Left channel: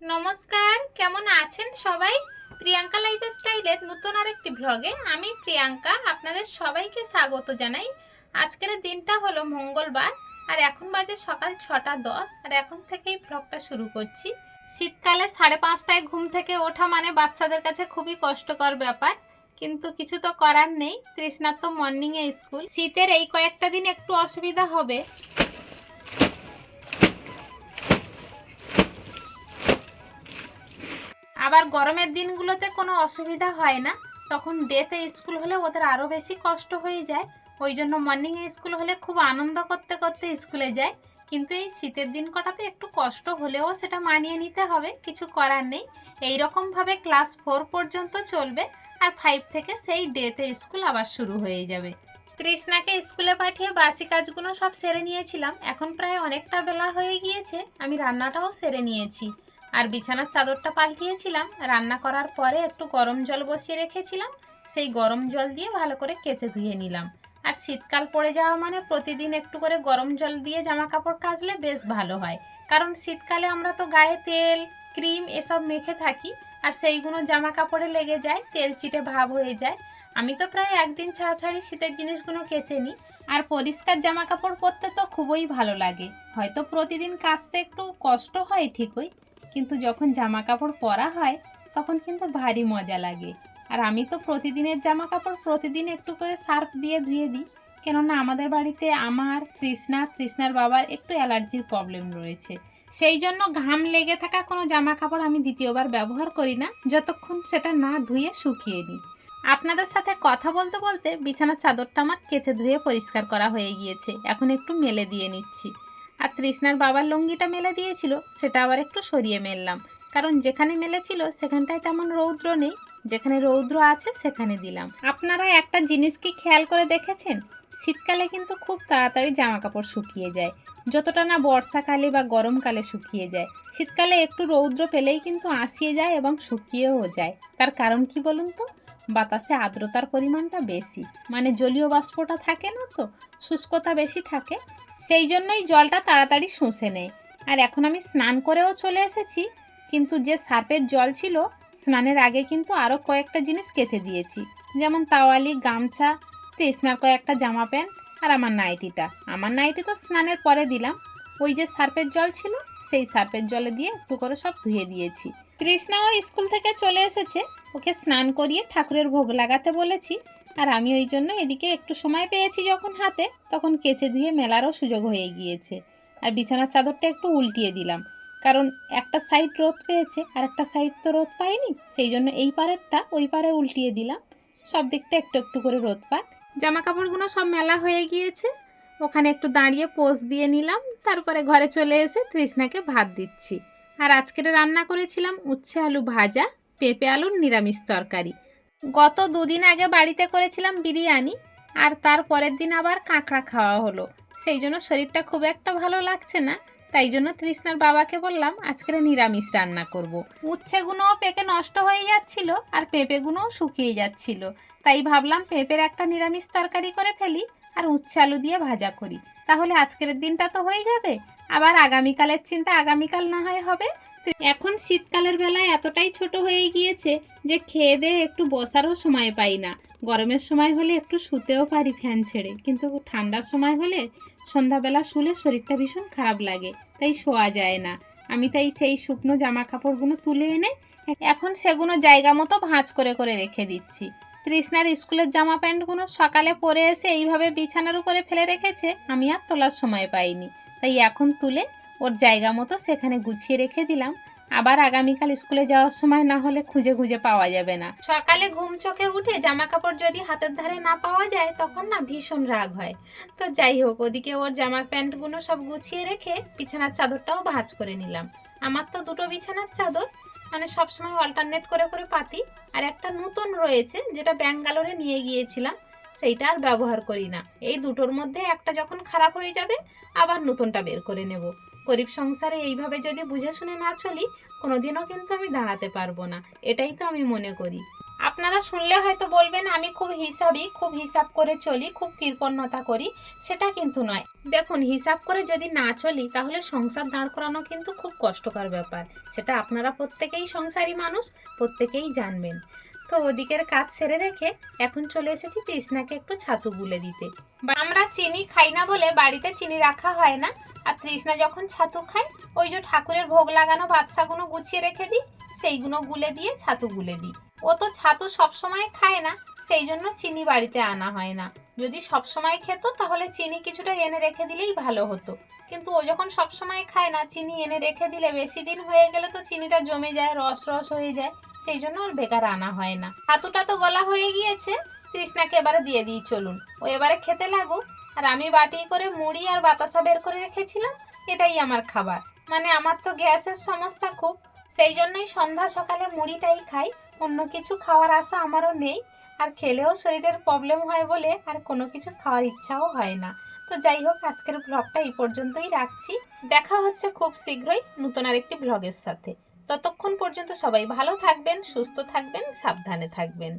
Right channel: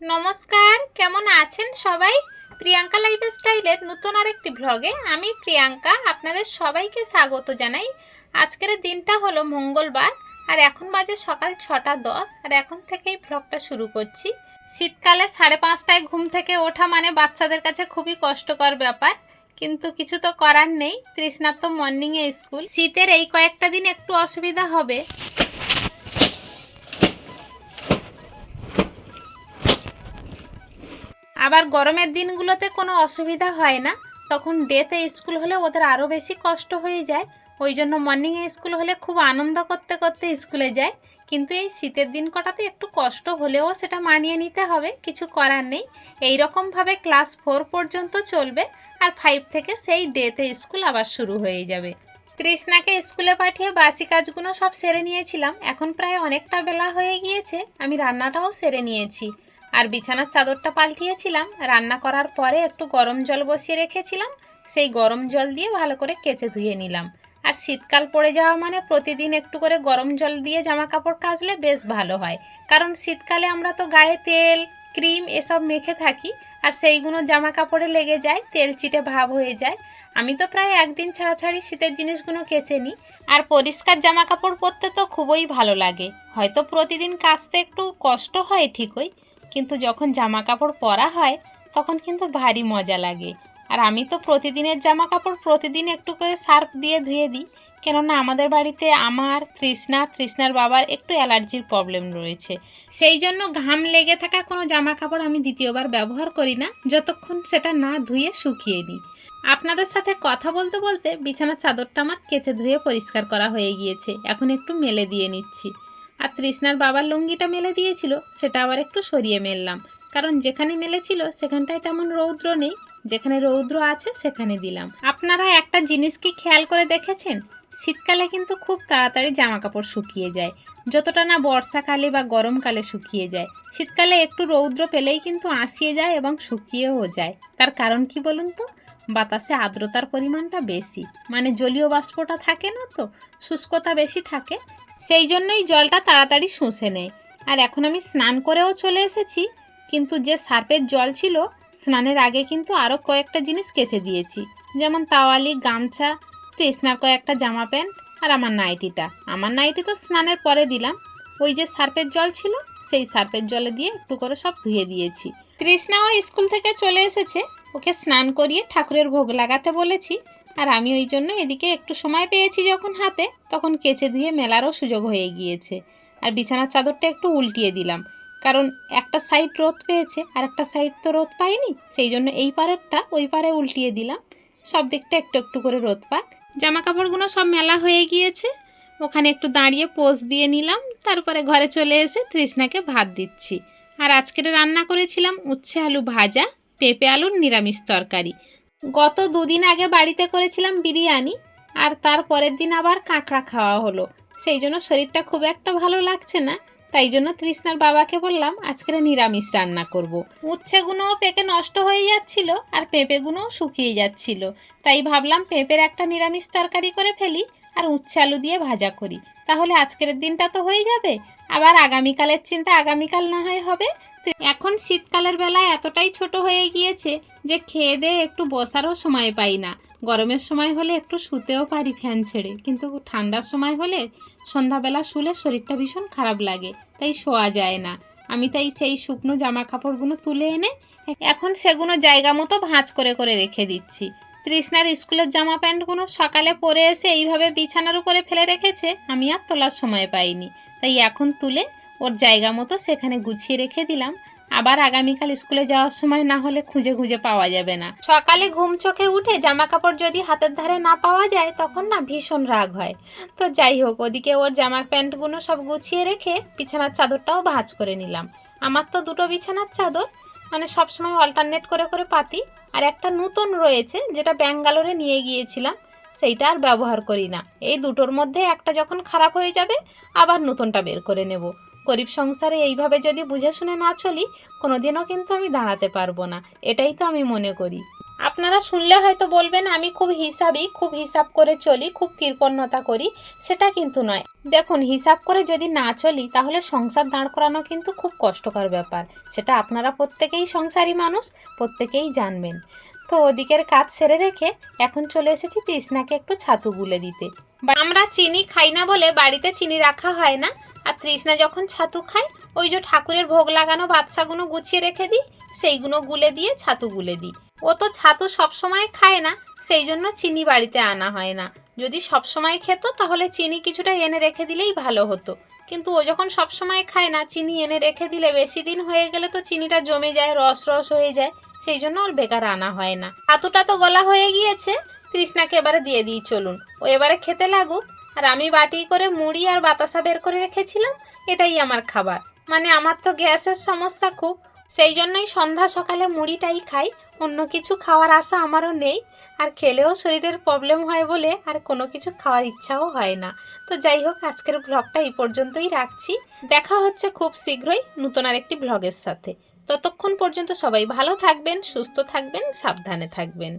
নমস্কার, কেমন আছেন সবাই? প্রিয়াঙ্কা লাইফ স্টাইলের নতুন আরেকটি ভ্লগে আমি প্রিয়াঙ্কা আপনাদের সবাইকে স্বাগত জানাই। আজকের দিনটা হলো মঙ্গলবার, আর এখন বাজে সকাল ছটা দশ, আর এখন থেকেই ভ্লগটা শুরু করছি। শীতকালে সাড়ে পাঁচটায় ঘুম থেকে ওঠা মানে বাচ্চাদের কাছে খুবই কষ্টকর ব্যাপার, কিন্তু কিছু তো করার নেই। তৃষ্ণার মর্নিংয়ে স্কুল। শীতের এই কয়েকটা দিন একটু অসুবিধা হবে। আবার গরমের দিনগুলোতে কোনো অসুবিধা হয় না। তখন ডেতে স্কুল হলে ওদের আরও বেশি কষ্ট হয়ে যায়। ওই জন্য মর্নিংয়ে স্কুল হলে খুব আনন্দ করতে করতে স্কুলে যায়। কিন্তু এই শীতের দিন কটাতে একটু কষ্ট হলেও সেটা মানিয়ে নিতে হবে, কিছু করার নেই। এই রকমভাবে ক্লাস ফোর পর্যন্ত চলবে আর ফাইভ থেকে সেই ডেতে স্কুল আবার শুরু হয়ে যাবে। তৃষ্ণাকে স্কুলে পাঠিয়ে বাসি কাজগুলো সব সেরে নিয়েছিলাম। এখন প্রায় অনেকটা বেলা হয়ে গিয়েছে। আমি রান্নাটাও সেরে নিয়েছি। আর বিছানার চাদরটা পাল্টিয়েছিলাম। রান্না করার পরে একটু গরম জল বসিয়ে রেখেছিলাম। সেই গরম জল দিয়ে ভালো করে কেচে ধুয়ে নিলাম। আর শীতকাল পড়ে যাওয়া মানে প্রতিদিন একটু করে গরম জল দিয়ে জামা কাপড় কাচলে বেশ ভালো হয়। কারণ শীতকালে আমরা তো গায়ে তেল, ক্রিম এসব মেখে থাকি আর সেইগুলো জামা কাপড়ে লেগে যায়, তেল চিটে ভাব হয়ে যায়। আমি তো প্রায় একদিন ছাড়া ছাড়ি শীতের জিনিসগুলো কেচে নিই। আর পরিষ্কার জামা কাপড় পরতে তো খুবই ভালো লাগে। হয়তো প্রতিদিন কাচতে একটু কষ্ট হয় ঠিকই কিন্তু যখন জামা কাপড় পরা হয়, তখন কিন্তু ভারী মজা লাগে। আর আমি তো প্রতিদিনের জামা কাপড় প্রতিদিন একটু করে সার্ফ দিয়ে ধুয়ে দিই, কেননা আমাদের বাড়িতে আমার তৃষ্ণা, তৃষ্ণার বাবার একটু অ্যালার্জির প্রবলেম রয়েছে। সেই জন্য ঘাম লেগে থাকা কোনো জামা কাপড় আমি দ্বিতীয়বার ব্যবহার করি না, যতক্ষণ সেটা না ধুয়ে শুকিয়ে নিই। আপনাদের সাথে কথা বলতে বলতে বিছানার চাদরটা আমার কেচে ধুয়ে পরিষ্কার করা হয়ে গিয়েছে। এখন একটু মেলে দিয়ে নিচ্ছি। আর তৃষ্ণার বাবার লুঙ্গিটা মেলে দিয়েছিল, সেটা আবার একটু সরিয়ে মেললাম। কারণ যেখানে মেলেছিল, সেখানটায় তেমন রৌদ্র নেই। যেখানে রৌদ্র আছে, সেখানে দিলাম। আপনারা একটা জিনিস কি খেয়াল করে দেখেছেন? শীতকালে কিন্তু খুব তাড়াতাড়ি জামা কাপড় শুকিয়ে যায়। যতটা না বর্ষাকালে বা গরমকালে শুকিয়ে যায়। শীতকালে একটু রৌদ্র পেলেই কিন্তু আঁশিয়ে যায় এবং শুকিয়েও যায়। তার কারণ কি বলুন তো? বাতাসে আর্দ্রতার পরিমাণটা বেশি। মানে জলীয় বাষ্পটা থাকে না তো? শুষ্কতা বেশি থাকে। সেই জন্যই জলটা তাড়াতাড়ি শুষে নেয়। আর এখন আমি স্নান করেও চলে এসেছি, কিন্তু যে সার্পের জল ছিল, স্নানের আগে কিন্তু আরও কয়েকটা জিনিস কেচে দিয়েছি। যেমন তাওয়ালি, গামছা, তৃষ্ণার কয়েকটা জামা প্যান্ট আর আমার নাইটিটা। আমার নাইটি তো স্নানের পরে দিলাম। ওই যে সার্পের জল ছিল, সেই সার্পের জলে দিয়ে একটু করে সব ধুয়ে দিয়েছি। তৃষ্ণাও স্কুল থেকে চলে এসেছে। ওকে স্নান করিয়ে ঠাকুরের ভোগ লাগাতে বলেছি। আর আমি ওই জন্য এদিকে একটু সময় পেয়েছি যখন হাতে, তখন কেচে ধুয়ে মেলারও সুযোগ হয়ে গিয়েছে। আর বিছানার চাদরটা একটু উল্টিয়ে দিলাম। কারণ একটা সাইড রোদ পেয়েছে আর একটা সাইড তো রোদ পাইনি, সেই জন্য এই পারেরটা ওই পারে উল্টিয়ে দিলাম। সব দিকটা একটু একটু করে রোদ পাক। জামা কাপড়গুলো সব মেলা হয়ে গিয়েছে। ওখানে একটু দাঁড়িয়ে পোজ দিয়ে নিলাম। তারপরে ঘরে চলে এসে তৃষ্ণাকে ভাত দিচ্ছি। আর আজকের রান্না করেছিলাম উচ্ছে আলু ভাজা, পেঁপে আলুর নিরামিষ তরকারি। গত দুদিন আগে বাড়িতে করেছিলাম বিরিয়ানি, আর তার পরের দিন আবার কাঁকড়া খাওয়া হলো। সেই জন্য শরীরটা খুব একটা ভালো লাগছে না, তাই জন্য তৃষ্ণার বাবাকে বললাম আজকের নিরামিষ রান্না করব। উচ্ছেগুলোও পেকে নষ্ট হয়ে যাচ্ছিল, আর পেঁপেগুলোও শুকিয়ে যাচ্ছিল। তাই ভাবলাম পেঁপের একটা নিরামিষ তরকারি করে ফেলি, আর উচ্ছে আলু দিয়ে ভাজা করি। তাহলে আজকের দিনটা তো হয়ে যাবে, আবার আগামীকালের চিন্তা আগামীকাল না হয় হবে এখন শীতকালের বেলায় এতটাই ছোট হয়ে গিয়েছে যে খেয়ে দিয়ে একটু বসারও সময় পাই না। গরমের সময় হলে একটু শুতেও পারি ফ্যান ছেড়ে। কিন্তু ঠান্ডার সময় হলে সন্ধ্যাবেলা শুলে শরীরটা ভীষণ খারাপ লাগে, তাই শোয়া যায় না। আমি তাই সেই শুকনো জামা কাপড়গুলো তুলে এনে এখন সেগুলো জায়গা মতো ভাঁজ করে করে রেখে দিচ্ছি। তৃষ্ণার স্কুলের জামা প্যান্টগুলো সকালে পরে এসে এইভাবে বিছানার উপরে ফেলে রেখেছে, আমি আর তোলার সময় পাইনি। তাই এখন তুলে ওর জায়গা মতো সেখানে গুছিয়ে রেখে দিলাম। আবার আগামীকাল স্কুলে যাওয়ার সময় না হলে খুঁজে খুঁজে পাওয়া যাবে না। সকালে ঘুম চোখে উঠে জামা কাপড় যদি হাতের ধারে না পাওয়া যায়, তখন না ভীষণ রাগ হয়। তো যাই হোক, ওদিকে ওর জামা প্যান্টগুলো সব গুছিয়ে রেখে বিছানার চাদরটাও ভাঁজ করে নিলাম। আমার তো দুটো বিছানার চাদর মানে সবসময় অল্টারনেট করে করে পাতি। আর একটা নতুন রয়েছে, যেটা ব্যাঙ্গালোরে নিয়ে গিয়েছিলাম, সেইটা আর ব্যবহার করি না। এই দুটোর মধ্যে একটা যখন খারাপ হয়ে যাবে, আবার নতুনটা বের করে নেব। গরিব সংসারে এইভাবে যদি বুঝে শুনে না চলি, কোনোদিনও কিন্তু আমি দাঁড়াতে পারব না। এটাই তো আমি মনে করি। আপনারা শুনলে হয়তো বলবেন, আমি খুব হিসাবই খুব হিসাব করে চলি, খুব কৃপণতা করি, সেটা কিন্তু নয়। দেখুন, হিসাব করে যদি না চলি, তাহলে সংসার দাঁড় করানো কিন্তু খুব কষ্টকর ব্যাপার। সেটা আপনারা প্রত্যেকেই সংসারী মানুষ, প্রত্যেকেই জানবেন। তো ওদিকের কাজ সেরে রেখে এখন চলে এসেছি তৃষ্ণাকে একটু ছাতু গুলে দিতে। আমরা চিনি খাই না বলে বাড়িতে চিনি রাখা হয় না। আর তৃষ্ণা যখন ছাতু খায়, ওই যে ঠাকুরের ভোগ লাগানো বাদশাগুলো গুছিয়ে রেখে দিই সেইগুলো গুলে দিয়ে ছাতু গুলে দিই। ও তো ছাতু সবসময় খায় না, সেই জন্য চিনি বাড়িতে আনা হয় না। যদি সবসময় খেত, তাহলে চিনি কিছুটা এনে রেখে দিলেই ভালো হতো। কিন্তু ও যখন সবসময় খায় না, চিনি এনে রেখে দিলে বেশি দিন হয়ে গেলে তো চিনিটা জমে যায়, রস রস হয়ে যায়, সেই জন্য ওর বেকার আনা হয় না। ছাতুটা তো গলা হয়ে গিয়েছে, তৃষ্ণাকে এবারে দিয়ে দিই চলুন। ও এবারে খেতে লাগুক আর আমি বাটি করে মুড়ি আর বাতাসা বের করে রেখেছিলাম, এটাই আমার খাবার। মানে আমার তো গ্যাসের সমস্যা খুব, সেই জন্যই সন্ধ্যা সকালে মুড়িটাই খাই, অন্য কিছু খাওয়ার আশা আমারও নেই, আর খেলেও শরীরের প্রবলেম হয় বলে আর কোনো কিছু খাওয়ার ইচ্ছাও হয় না। তো যাই হোক, আজকের ব্লগটা এই পর্যন্তই রাখছি। দেখা হচ্ছে খুব শীঘ্রই নতুন আরেকটি ব্লগের সাথে। ততক্ষণ পর্যন্ত সবাই ভালো থাকবেন, সুস্থ থাকবেন, সাবধানে থাকবেন।